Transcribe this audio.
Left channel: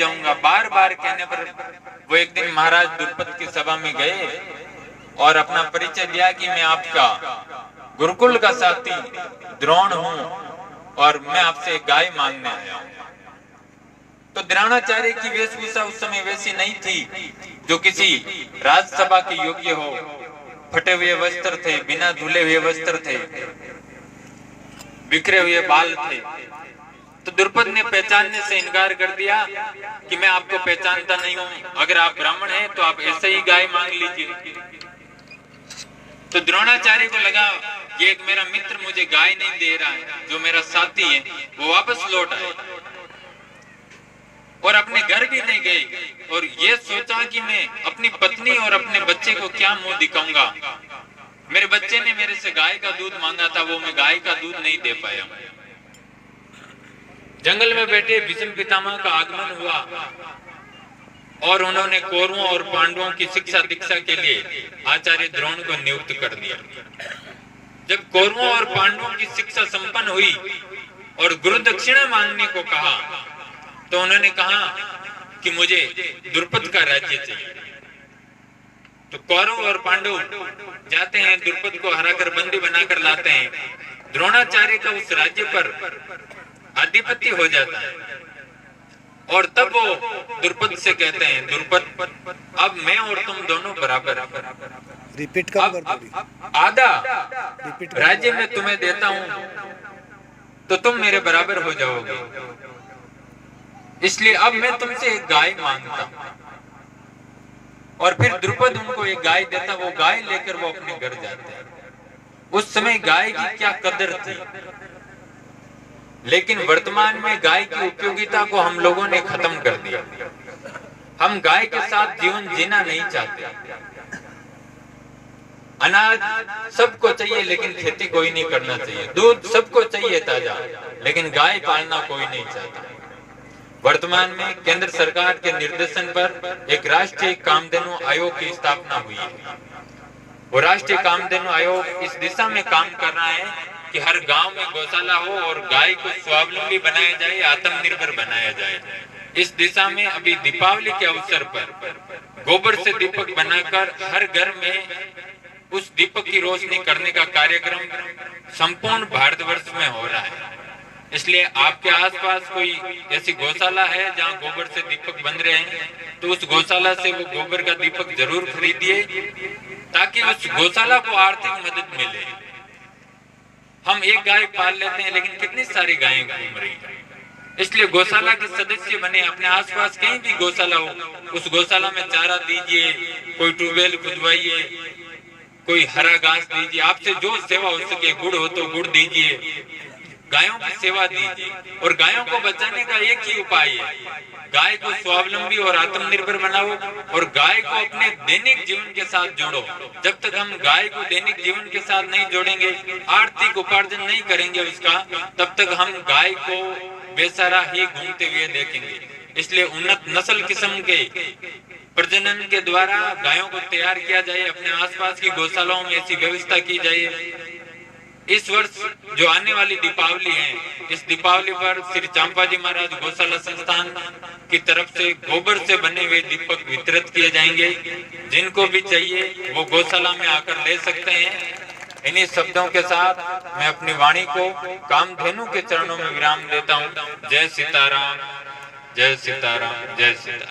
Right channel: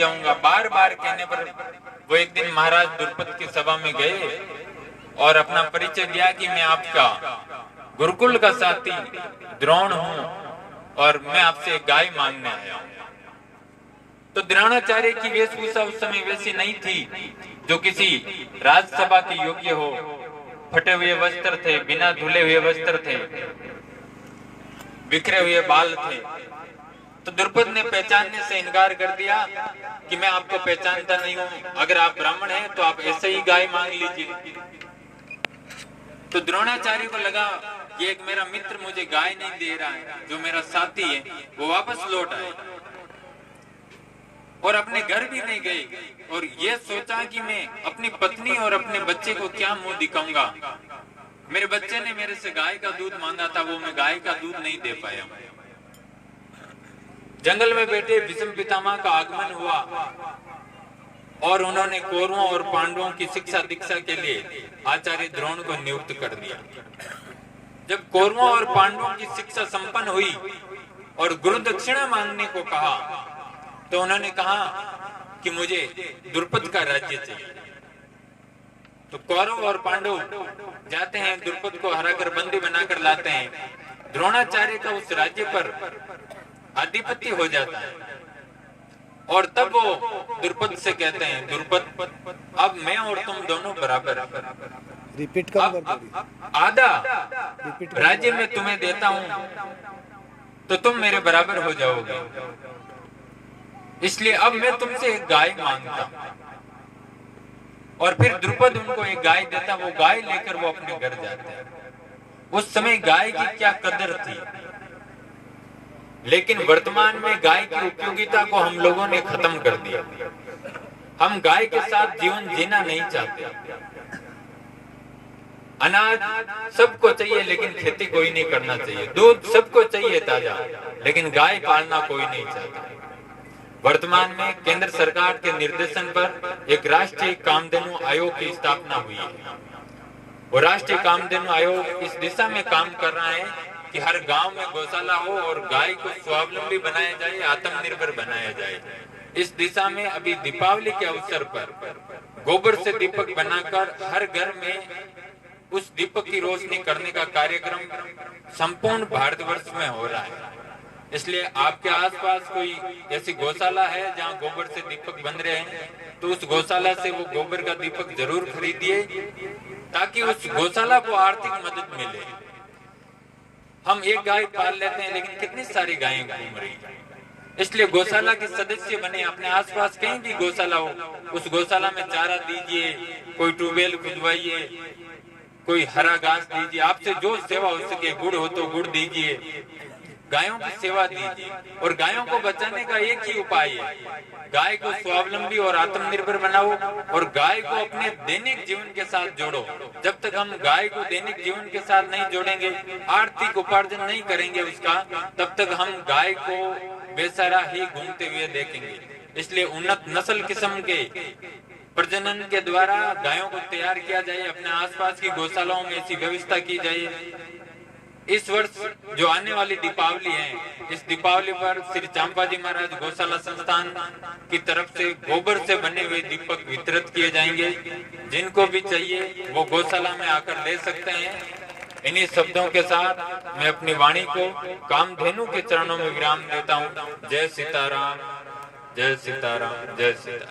जाऊंगा। बार बार कहने पर वो एक दिन महाराज द्रुपद की सभा में गए और अपना परिचय दिया कि मैं आपका गुरुकुल का साथी द्रोण हूं और मैं आपसे एक गाय मांगने आया हूं। तो द्रोणाचार्य की वेशभूषा उस समय वैसी नहीं थी जो किसी राजसभा के योग्य हो। फटे हुए वस्त्र थे, बिना धुले हुए वस्त्र थे, बिखरे हुए बाल थे। तो द्रुपद ने पहचानने से इनकार कर दिया कि मैं आपको पहचानता नहीं हूं, अगर आप ब्राह्मण हैं तो आप ऐसे ही गाय मांग लीजिए। तो द्रोणाचार्य को लगा ये एक मेरा मित्र मुझे गाय नहीं दे रहा है, जो मेरा साथी है वो वापस लौट आए और अपने घर भी नहीं गए और ये सोचा कि मैं अपनी पत्नी और अपने बच्चे को क्या मुंह दिखाऊंगा। मेरे बच्चे ने मेरे से गाय का दूध मांगा था, वो मैं गाय का दूध नहीं दे पाया। जंगल में बैठे भीष्म पितामह का आगमन हुआ और उन्होंने कौरवों और पांडवों की शिक्षा दीक्षा के लिए आचार्य द्रोण को नियुक्त कर दिया। जब कौरवों और पांडवों की शिक्षा संपन्न हुई और गुरु दक्षिणा मांगने को कहा तो उन्होंने कहा कि मुझे द्रुपद का राज्य चाहिए। तो कौरव और पांडव जाते हैं, द्रुपद को हराकर बंदी बनाकर लाते हैं। द्रोणाचार्य का उस राज्य पर आधिपत्य हो जाता है और तब वो द्रुपद से कहते हैं, द्रुपद अब मैं और तुम दोनों बराबर। रिपीट कम कर दो। आधा राज्य में तुम्हें देता हूं तो तुम मेरे बराबर हो जाओगे, इसलिए अब मैं तुमसे एक गाय मांगता हूं। और फिर द्रुपद उनको एक गाय देता, वो गाय लेकर वो अपने घर जाते हैं। उस समय गाय की क्या कदर थी, लेकिन वर्तमान में गाय की उपयोगिता को हम लोगों ने खत्म कर दिया। हम गाय के साथ जीवन जीना नहीं चाहते। अनाज सबको चाहिए लेकिन खेती कोई नहीं करना चाहिए। दूध सबको चाहिए ताजा, लेकिन गाय पालना कोई नहीं चाहता। वर्तमान में केंद्र सरकार के निर्देशन पर एक राष्ट्रीय कामधेनु आयोग की स्थापना हुई है। वो राष्ट्रीय कामधेनु आयोग इस दिशा में काम कर रहा है कि हर गांव में गौशाला हो और गाय को स्वावलंबी बनाया जाए, आत्मनिर्भर बनाया जाए। इस दिशा में अभी दीपावली के अवसर पर गोबर से दीपक बनाकर हर घर में उस दीपक की रोशनी करने का कार्यक्रम संपूर्ण भारतवर्ष में हो रहा है। इसलिए आपके आसपास कोई ऐसी गौशाला है जहां गोबर से दीपक बन रहे हैं तो उस गौशाला से वो गोबर का दीपक जरूर खरीदिए ताकि उस गौशाला को आर्थिक मदद मिले। हम एक गाय पाल लेते हैं लेकिन कितनी सारी गायें घूम रही हैं। इसलिए गौशाला के सदस्य बने, अपने आसपास कहीं भी गौशाला हो उस गौशाला में चारा दीजिए, कोई ट्यूबवेल खुदवाइए, कोई हरा घास दीजिए, आपसे जो सेवा हो सके, गुड़ हो तो गुड़ दीजिए, गायों की सेवा दीजिए। और गायों को बचाने का एक ही उपाय है, गाय को स्वावलंबी और आत्मनिर्भर बनाओ और गाय को अपने दैनिक जीवन के साथ जोड़ो। जब तक हम गाय को दैनिक जीवन के साथ नहीं जोड़ेंगे, आर्थिक उपार्जन नहीं करेंगे उसका, तब तक हम गाय को बेसहारा ही घूमते हुए देखेंगे। इसलिए उन्नत नस्ल किस्म के प्रजनन के द्वारा गायों को तैयार किया जाए, अपने आसपास की गौशालाओं में ऐसी व्यवस्था की जाए। इस वर्ष जो आने वाली दीपावली है, इस दीपावली पर श्री चंपाजी महाराज गौशाला संस्थान की तरफ से गोबर से बने हुए दीपक वितरित किए जाएंगे। जिनको भी चाहिए वो गौशाला में आकर ले सकते हैं। इन्हीं शब्दों के साथ मैं अपनी वाणी को कामधेनु के चरणों में विराम देता हूँ। जय सीताराम, जय सीताराम, जय सीताराम।